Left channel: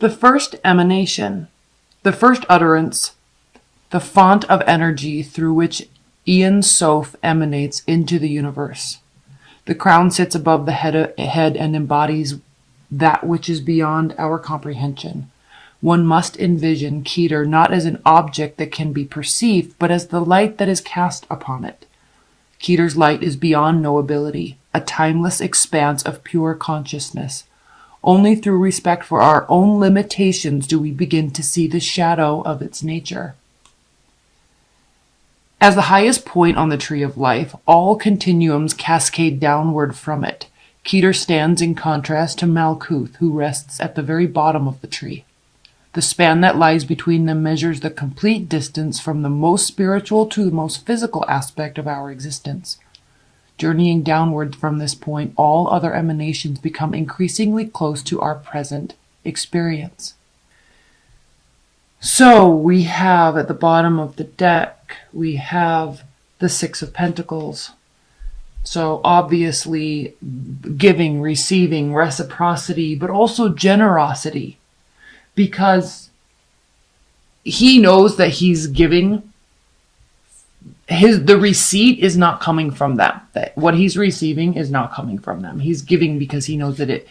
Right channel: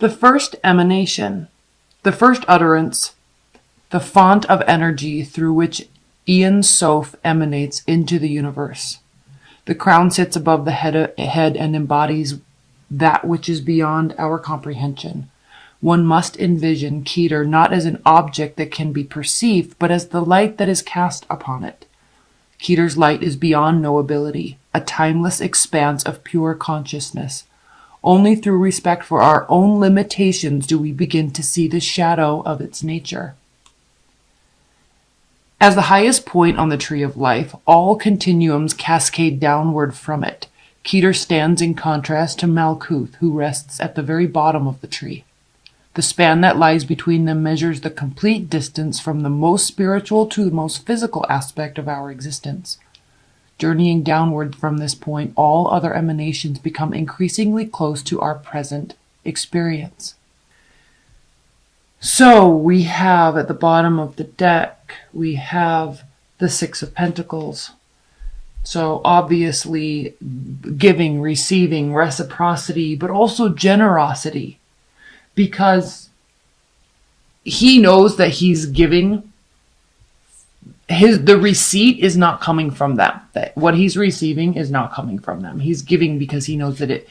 The first emanation, the first utterance, the font of energy through which Ian Soph emanates into the universe. The crown sits above the head and embodies that which is beyond our comprehension. One must envision Keter not as an object that can be perceived, but as the light that is cast upon it. Keter's light is beyond knowability, a timeless expanse of pure consciousness. Only through respect for our own limitations do we begin to see the shadow of its nature. As the highest point on the tree of life, all continuums cascade downward from it. Keter stands in contrast to Malkuth, who rests at the very bottom of the tree. The span that lies between them measures the complete distance from the most spiritual to the most physical aspect of our existence. Journeying downward from this point, all other emanations become increasingly close to our present experience. So we have at the bottom of the deck, we have the Six of Pentacles. So obviously giving, receiving, reciprocity, but also generosity. Because he knows that he's giving, the receipt is not coming from them. That what he's receiving is not coming from them. He's giving because he knows that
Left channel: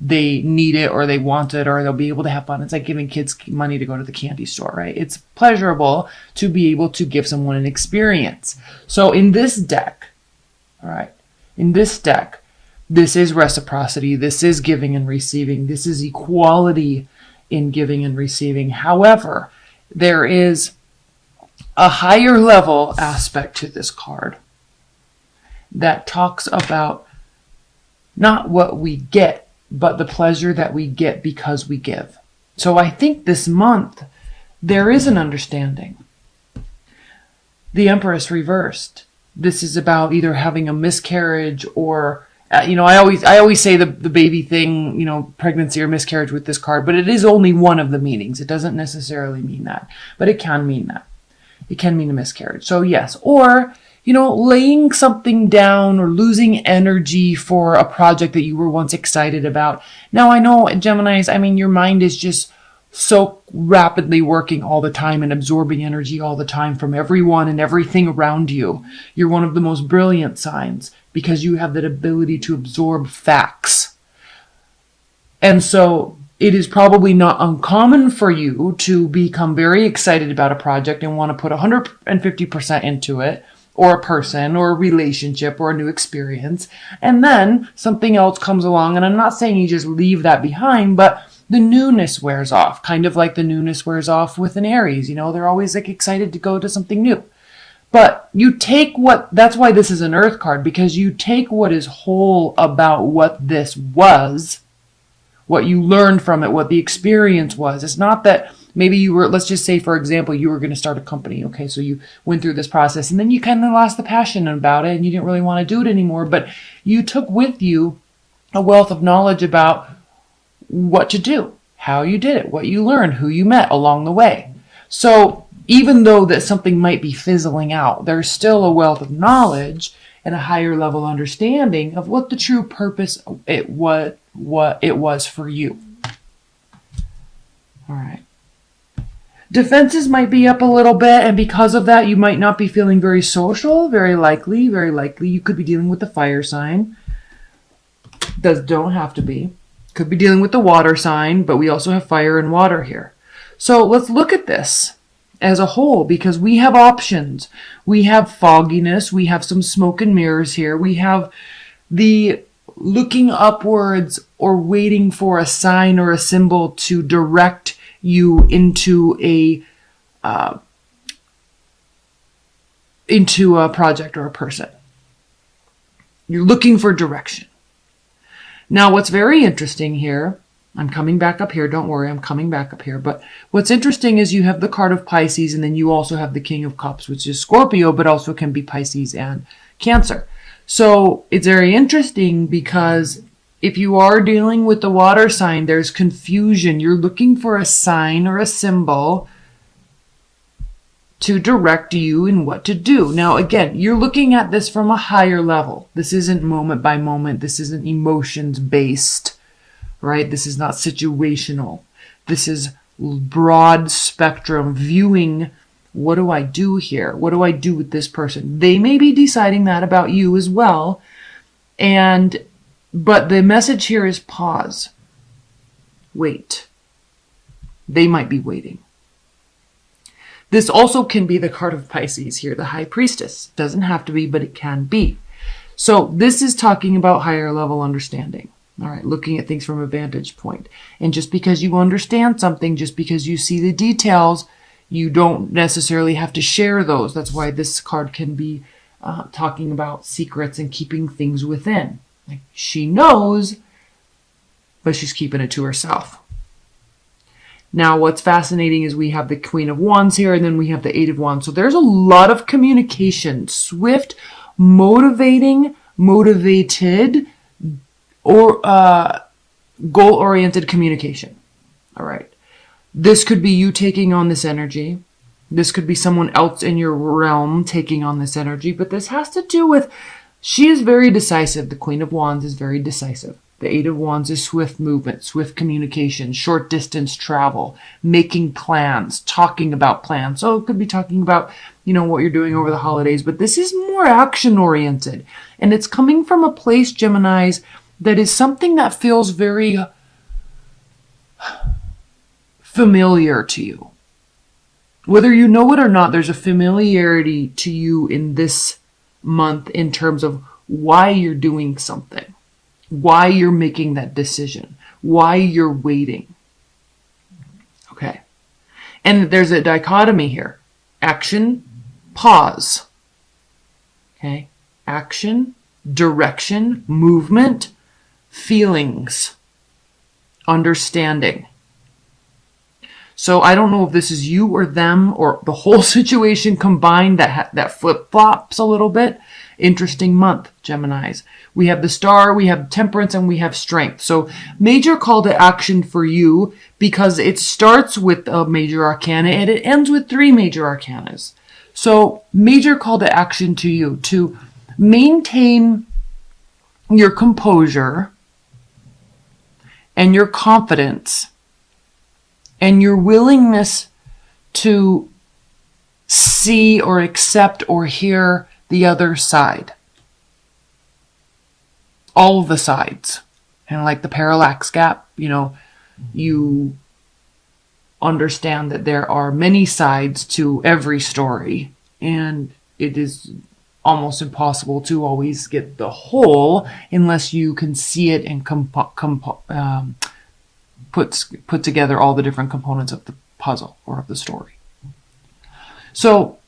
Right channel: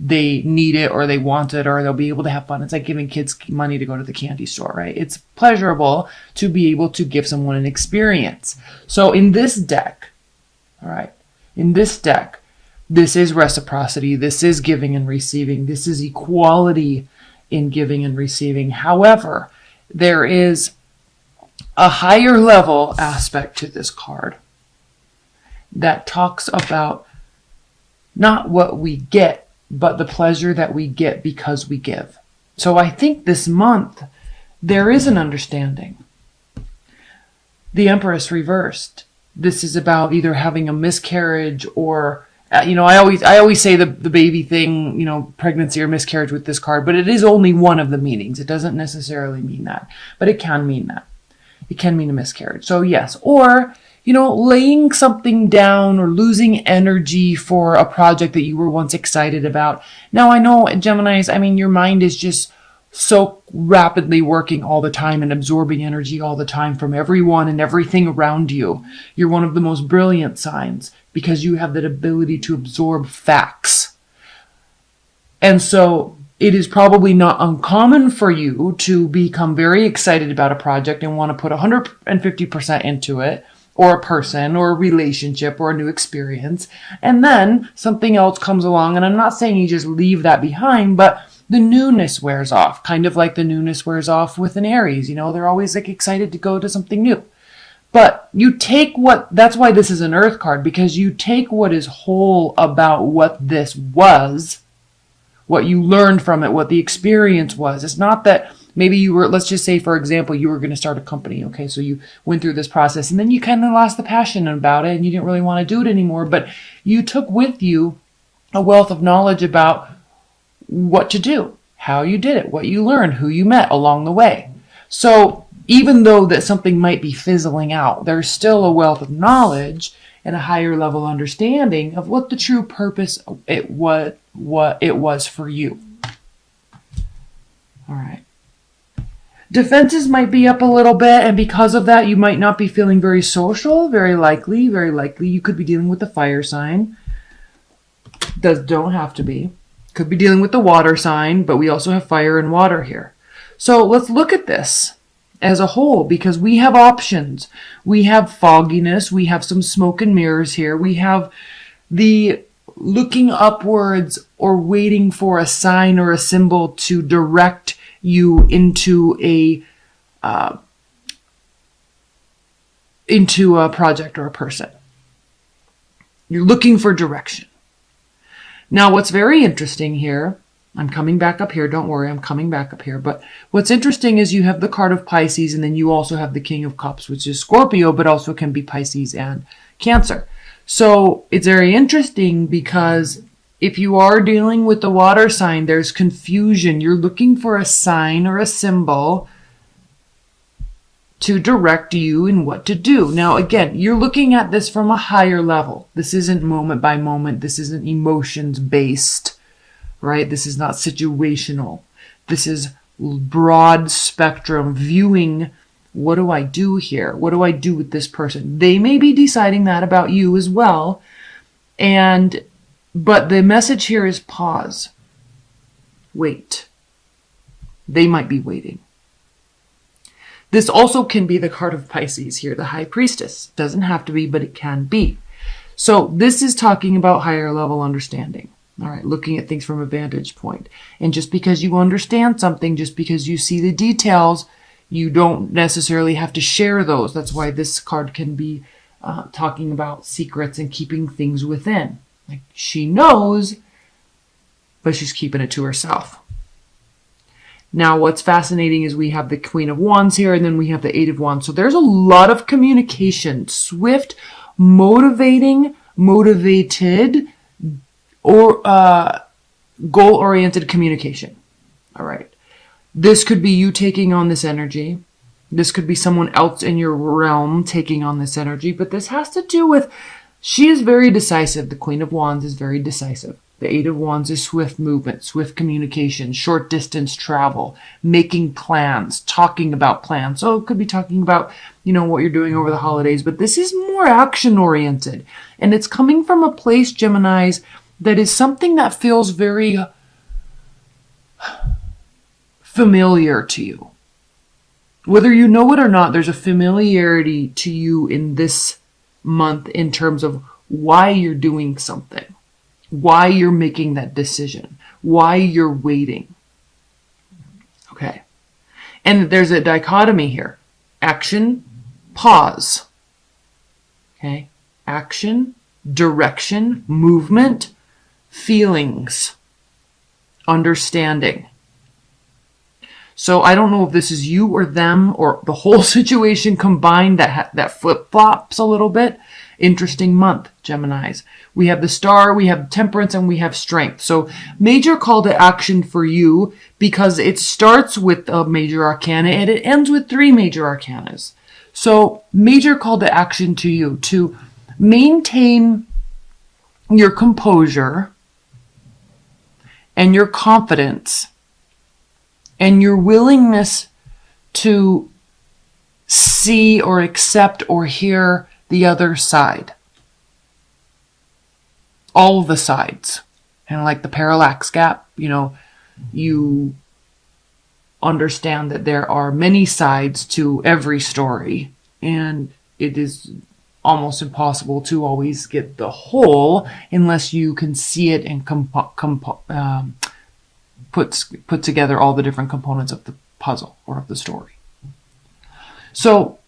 they need it or they want it or they'll be able to have fun. It's like giving kids money to go to the candy store, right? It's pleasurable to be able to give someone an experience. So in this deck, all right, this is reciprocity. This is giving and receiving. This is equality in giving and receiving. However, there is a higher level aspect to this card that talks about not what we get, but the pleasure that we get because we give. So I think this month there is an understanding. The Empress reversed. This is about either having a miscarriage or I always say the baby thing, pregnancy or miscarriage with this card, but it is only one of the meanings. It doesn't necessarily mean that, but it can mean that. It can mean a miscarriage. So yes, or, laying something down or losing energy for a project that you were once excited about. Now I know Geminis, your mind is just so rapidly working all the time and absorbing energy all the time from everyone and everything around you. You're one of the most brilliant signs because you have that ability to absorb facts. And so it is probably not uncommon for you to become very excited about a project and want to put 150% into it, or a person, or a relationship, or a new experience. And then something else comes along, and I'm not saying you just leave that behind, but the newness wears off, kind of like the newness wears off with an Aries. They're always excited to go to something new. But you take that's why this is an Earth card, because you take what is whole about what this was, what you learned from it, what the experience was. It's not that maybe let's just say, for example, you were going to start a company. Okay, so you went through this process and then you kind of lost the passion about it and you didn't really want to do it anymore, but you took with you a wealth of knowledge about what to do, how you did it, what you learned, who you met along the way. So even though that something might be fizzling out, there's still a wealth of knowledge and a higher level understanding of what the true purpose what it was for you. All right. Defenses might be up a little bit, and because of that, you might not be feeling very social. Very likely, you could be dealing with the fire sign. Don't have to be. Could be dealing with the water sign, but we also have fire and water here. So let's look at this as a whole, because we have options. We have fogginess. We have some smoke and mirrors here. We have the looking upwards or waiting for a sign or a symbol to direct you into a project or a person. You're looking for direction. Now, what's very interesting here, I'm coming back up here. Don't worry, I'm coming back up here. But what's interesting is you have the card of Pisces, and then you also have the King of Cups, which is Scorpio, but also can be Pisces and Cancer. So it's very interesting because if you are dealing with the water sign, there's confusion. You're looking for a sign or a symbol to direct you in what to do. Now, again, you're looking at this from a higher level. This isn't moment by moment. This isn't emotions based, right? This is not situational. This is broad spectrum viewing. What do I do here? What do I do with this person? They may be deciding that about you as well. But the message here is pause. Wait. They might be waiting. This also can be the card of Pisces here, the High Priestess. Doesn't have to be, but it can be. So this is talking about higher level understanding. All right, looking at things from a vantage point. And just because you understand something, just because you see the details, you don't necessarily have to share those. That's why this card can be talking about secrets and keeping things within. Like, she knows, but she's keeping it to herself. Now, what's fascinating is we have the Queen of Wands here, and then we have the Eight of Wands. So there's a lot of communication, swift, motivated, or goal-oriented communication. All right. This could be you taking on this energy. This could be someone else in your realm taking on this energy. But this has to do with, she is very decisive. The Queen of Wands is very decisive. The Eight of Wands is swift movement, swift communication, short distance travel, making plans, talking about plans. So it could be talking about, what you're doing over the holidays. But this is more action oriented. And it's coming from a place, Geminis, that is something that feels very familiar to you. Whether you know it or not, there's a familiarity to you in this month in terms of why you're doing something, why you're making that decision, why you're waiting. Okay. And there's a dichotomy here. Action, pause. Okay. Action, direction, movement, feelings, understanding. So I don't know if this is you or them or the whole situation combined that flip-flops a little bit. Interesting month, Geminis. We have the Star, we have Temperance, and we have Strength. So major call to action for you because it starts with a major arcana and it ends with 3 major arcanas. So major call to action to you to maintain your composure and your confidence and your willingness to see or accept or hear the other side. All of the sides. And like the parallax gap, you understand that there are many sides to every story. And it is almost impossible to always get the whole unless you can see it and put together all the different components of the puzzle or of the story. So,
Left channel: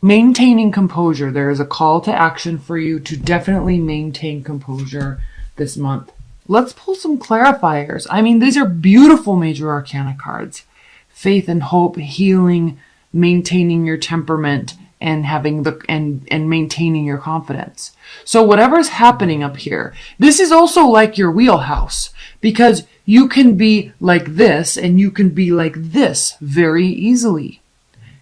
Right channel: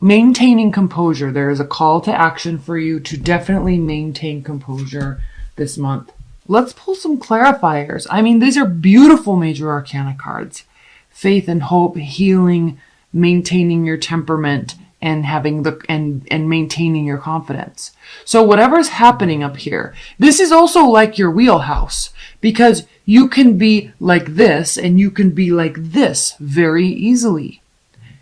maintaining composure. There is a call to action for you to definitely maintain composure this month. Let's pull some clarifiers. These are beautiful major arcana cards. Faith and hope, healing, maintaining your temperament, and having and maintaining your confidence. So whatever's happening up here, this is also like your wheelhouse because you can be like this and you can be like this very easily.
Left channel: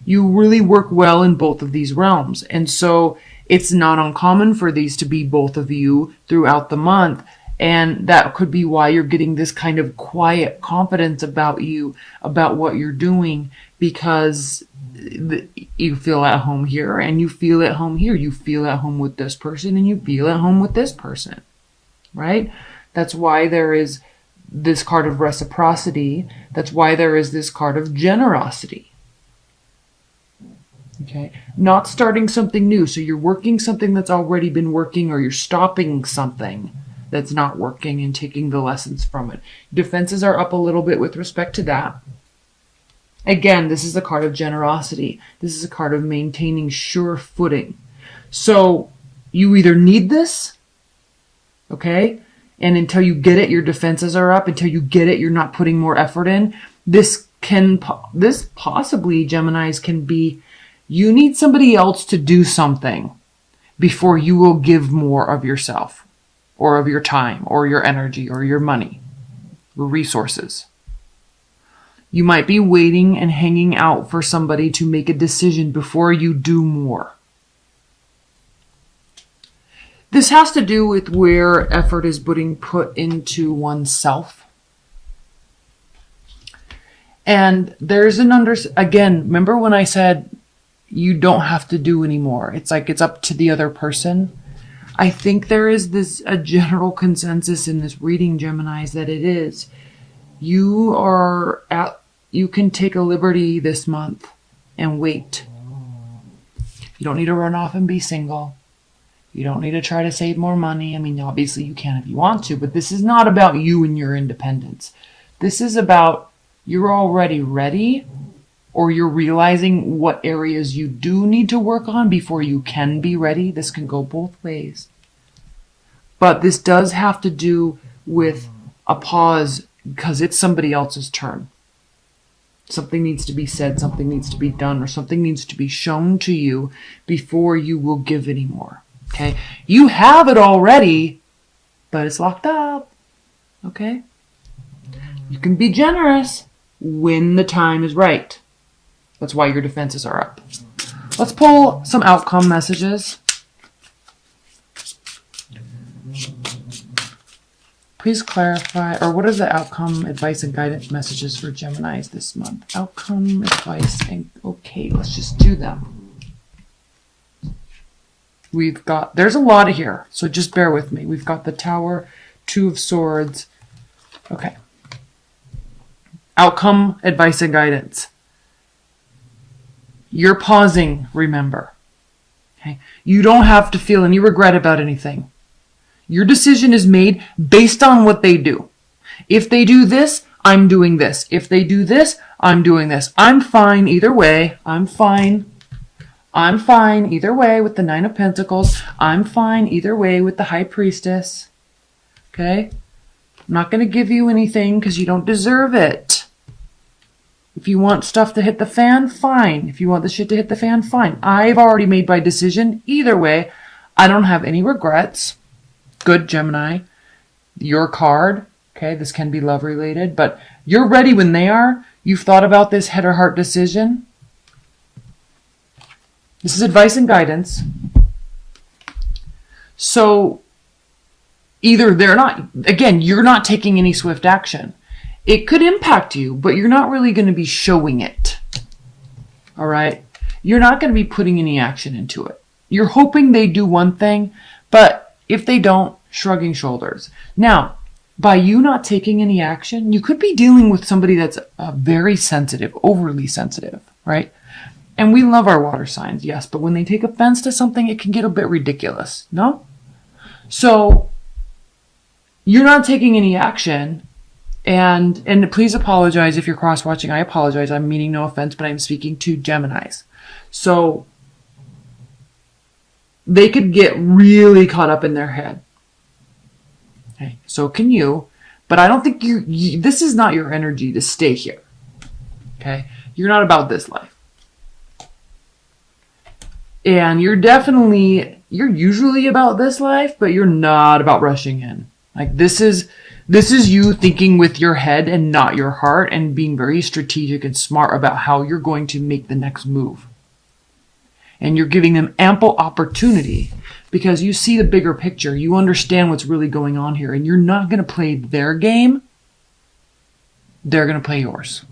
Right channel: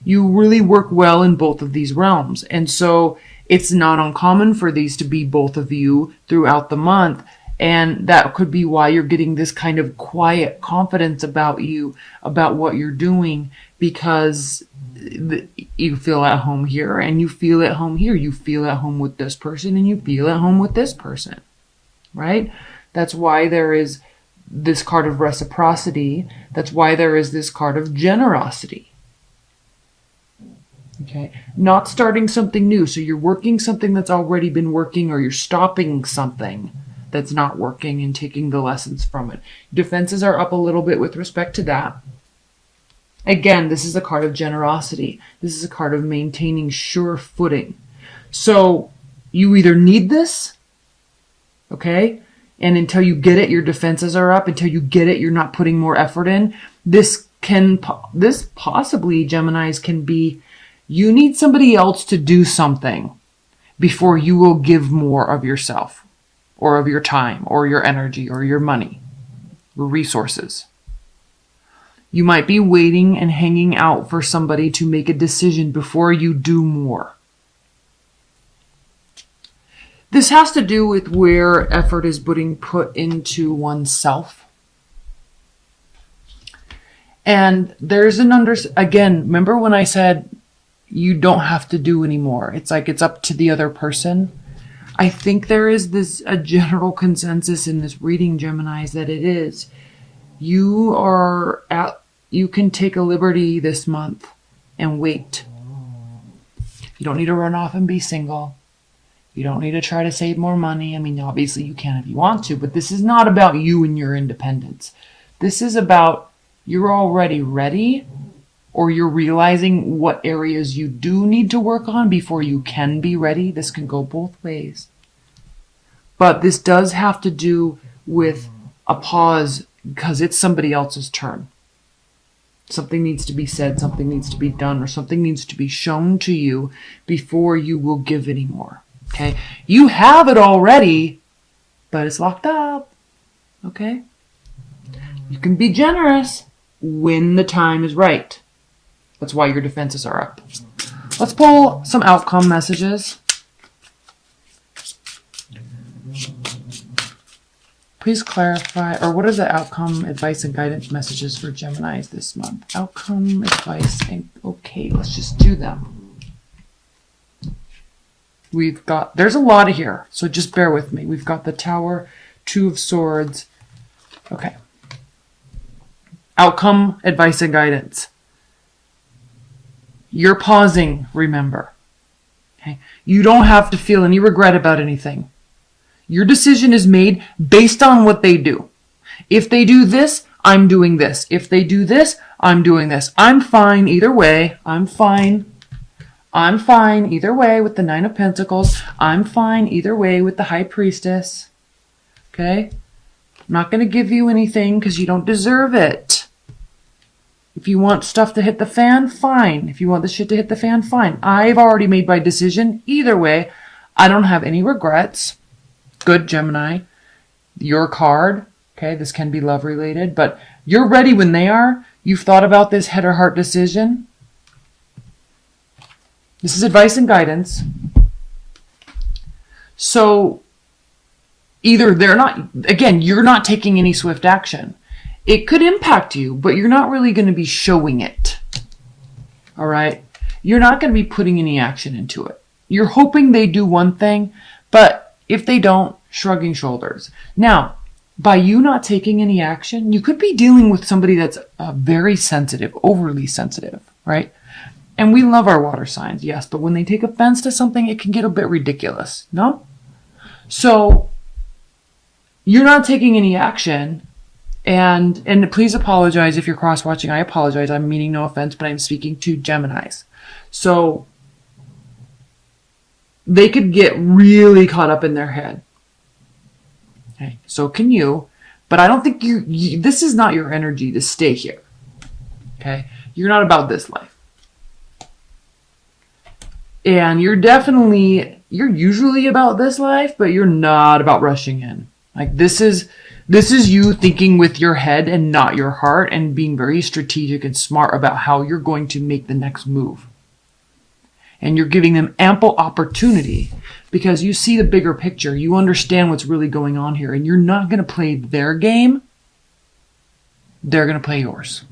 You really work well in both of these realms. And so it's not uncommon for these to be both of you throughout the month. And that could be why you're getting this kind of quiet confidence about you, about what you're doing, because you feel at home here and you feel at home here. You feel at home with this person and you feel at home with this person, right? That's why there is this card of reciprocity. That's why there is this card of generosity. Okay, not starting something new. So you're working something that's already been working, or you're stopping something that's not working and taking the lessons from it. Defenses are up a little bit with respect to that. Again, this is a card of generosity. This is a card of maintaining sure footing. So you either need this, okay, and until you get it, your defenses are up. Until you get it, you're not putting more effort in. This possibly, Geminis, can be you need somebody else to do something before you will give more of yourself or of your time or your energy or your money, resources. You might be waiting and hanging out for somebody to make a decision before you do more. This has to do with where effort is being put into oneself. And there's again, remember when I said you don't have to do anymore? It's like it's up to the other person. I think there is a general consensus in this reading, Geminis, that it is. You can take a liberty this month and wait. You don't need to run off and be single. You don't need to try to save more money. I mean, obviously you can if you want to, but this is not about you and your independence. This is about you're already ready, or you're realizing what areas you do need to work on before you can be ready. This can go both ways. But this does have to do with a pause because it's somebody else's turn. Something needs to be said, something needs to be done, or something needs to be shown to you before you will give anymore. Okay? You have it already, but it's locked up. Okay? You can be generous when the time is right. That's why your defenses are up. Let's pull some outcome messages. Please clarify, or what are the outcome, advice, and guidance messages for Geminis this month? Outcome, advice, and okay, let's just do them. There's a lot of here, so just bear with me. We've got the Tower, Two of Swords. Okay. Outcome, advice, and guidance. You're pausing, remember. Okay? You don't have to feel any regret about anything. Your decision is made based on what they do. If they do this, I'm doing this. If they do this, I'm doing this. I'm fine either way. I'm fine either way with the Nine of Pentacles. I'm fine either way with the High Priestess. Okay? I'm not going to give you anything because you don't deserve it. If you want stuff to hit the fan, fine. If you want the shit to hit the fan, fine. I've already made my decision. Either way, I don't have any regrets. Good, Gemini. Your card. Okay, this can be love related, but you're ready when they are. You've thought about this head or heart decision. This is advice and guidance. So, either they're not, again, you're not taking any swift action. It could impact you, but you're not really going to be showing it. All right? You're not going to be putting any action into it. You're hoping they do one thing, but if they don't, shrugging shoulders. Now, by you not taking any action, you could be dealing with somebody that's very sensitive, overly sensitive, right? And we love our water signs, yes, but when they take offense to something, it can get a bit ridiculous, no? So, you're not taking any action, and please apologize if you're cross-watching. I apologize. I'm meaning no offense, but I'm speaking to Geminis. So, they could get really caught up in their head. Okay, so can you, but I don't think this is not your energy to stay here. Okay? You're not about this life. And you're usually about this life, but you're not about rushing in. Like this is you thinking with your head and not your heart and being very strategic and smart about how you're going to make the next move. And you're giving them ample opportunity because you see the bigger picture. You understand what's really going on here, and you're not going to play their game. They're going to play yours.